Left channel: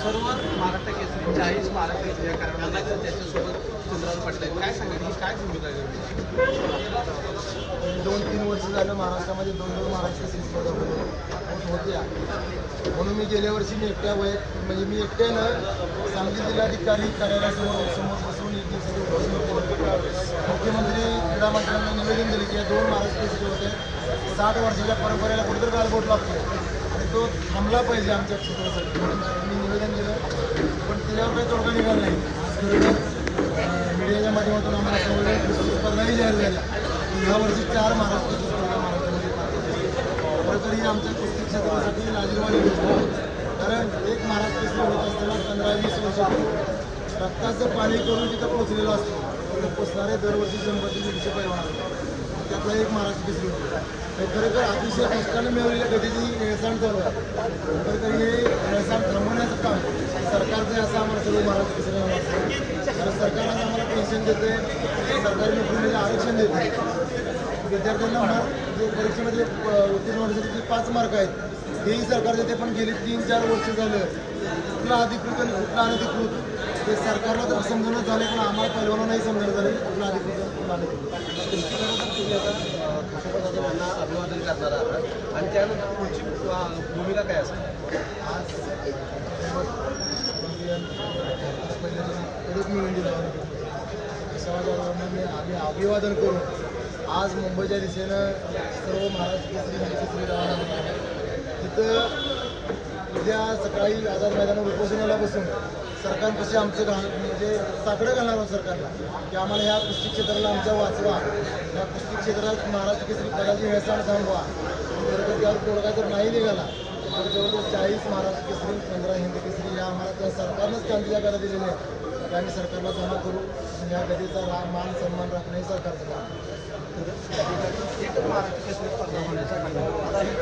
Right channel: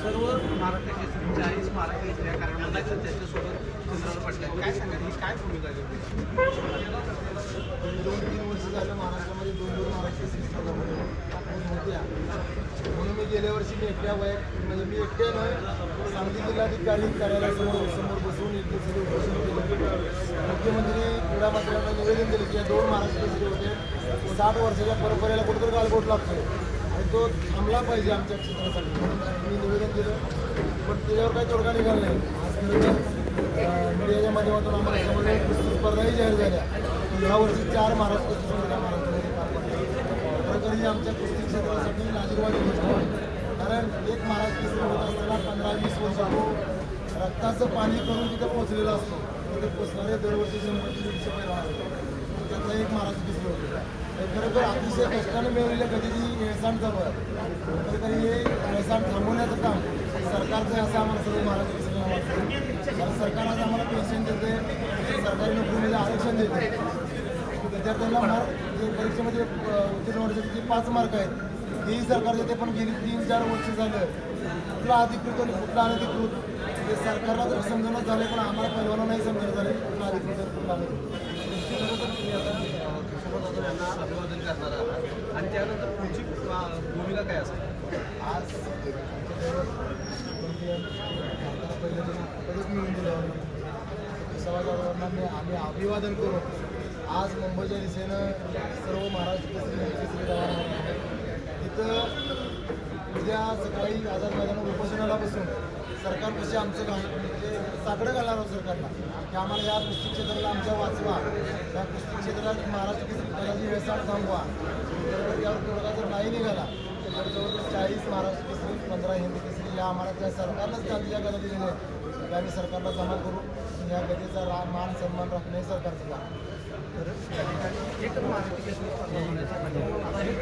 सर्व महाराष्ट्र केसरी 40 महाराष्ट्र केसरी करारामध्ये आहेत. त्याच्यासोबत सुंदरराव पाटील आहेत. काय सांगा ही काय भूमिका आहे? 2-3 वर्ष झालं महाराष्ट्रामध्ये 2 महाराष्ट्र केसरी स्पर्धा होत होत्या. म्हणून मी गेल्या वर्षी म्हणजे मी एकट्यानं सांगली जिल्हाधिकारी कार्यालयासमोर बसून एक दिवसाचं उपोषण केलं. मुख्यमंत्री क्रीडा मंत्र्यांना निवेदन दिलं की या 2 महाराष्ट्र केसरी होत आहेत. 60 वर्षाच्या परंपरेला कुठेतरी गालबोट लागतोय आणि तो थांबला पाहिजे आमच्या क्षेत्रासाठी, म्हणून मी निवेदन केलं. पण त्याच्यावर काही तोडगा निघाला नाही. आज खरं मीडियाच्या माध्यमातून आम्हाला समोर कुस्ती स्पर्धाही जाहीर झाल्या. ह्या वर्षी 4 महाराष्ट्र केसरी स्पर्धा महाराष्ट्रामध्ये पार पडली. खरं तर ही आमच्या कुस्ती क्षेत्रासाठी लाजिरवाणी गोष्ट आहे. कारण एक महाराष्ट्र केसरी होत असताना 15-20 वर्ष तो रक्ताचं पाणी करून तिथं पोचलेलो असतो. तिथं पोचणारे दरवर्षी 100-150 पैलवान असतात. त्यातला एक महाराष्ट्र केसरी होतो. तर खरोखर अतिशय कष्टानं मिळवलेल्या गतीची हेळसांड चालू आहे. खरं तर हे हेळसांड थांबवण्याचं काम सरकारचं आहे असं आम्हाला सर्व महाराष्ट्र केसरी वाटतं. कारण सरकार आज आम्हाला पेन्शन देते, सरकारी नोकरीमध्ये आरक्षण देते. विद्यार्थ्यांना जे परीक्षेमध्ये उत्तीर्ण होण्यासाठी जे 5 मार्क आहेत हेही सरकार देते. पण गेली 3-4 वर्ष झालं कुठला अधिकृत आणि कुठला अनधिकृत ते सरकारला तर समजणं झाले, पण आम्हाला पहिल्यांदा नाही समजणं झाले कुठला अधिकृत आणि कुठला अनधिकृत. तुमची खरं तर तुम्ही आता खासदार जाधव यांना अभिवादन करणार आहात आणि त्यानंतर पुढची भूमिका काय असेल? आज पहिल्यांदा आम्ही अभिवादन करून आज मुंबईच्या दिशेनं सर्व महाराष्ट्र केसरी रवाना होत आहे. तिथं उद्या सकाळी आझाद मैदानावर उपोषणाला बसून सरकारपाशी आमचं म्हणजे साकडं घालणार आहोत सरकारला की आम्हाला ह्या कुस्ती क्षेत्राला आमच्या वाचवा, ह्या कुस्ती क्षेत्रात महाराष्ट्र केसरी पदाची हेळसांड थांबवा. तर त्यावर तोडगा जर नाही निघाला तर जवळजवळ 40 महाराष्ट्र केसरी 15 हिंद केसरी ह्या आम्हाला त्या सरकारनंच त्यांच्या जागा दिलेल्या आहेत की आम्ही सरकारला जमा करू. आणि ह्या गतीचा मान सन्मान राखणं हे सरकारचं काम. त्या ठिकाणी एकच महाराष्ट्र केसरी स्पर्धा होण्यासाठी आता हे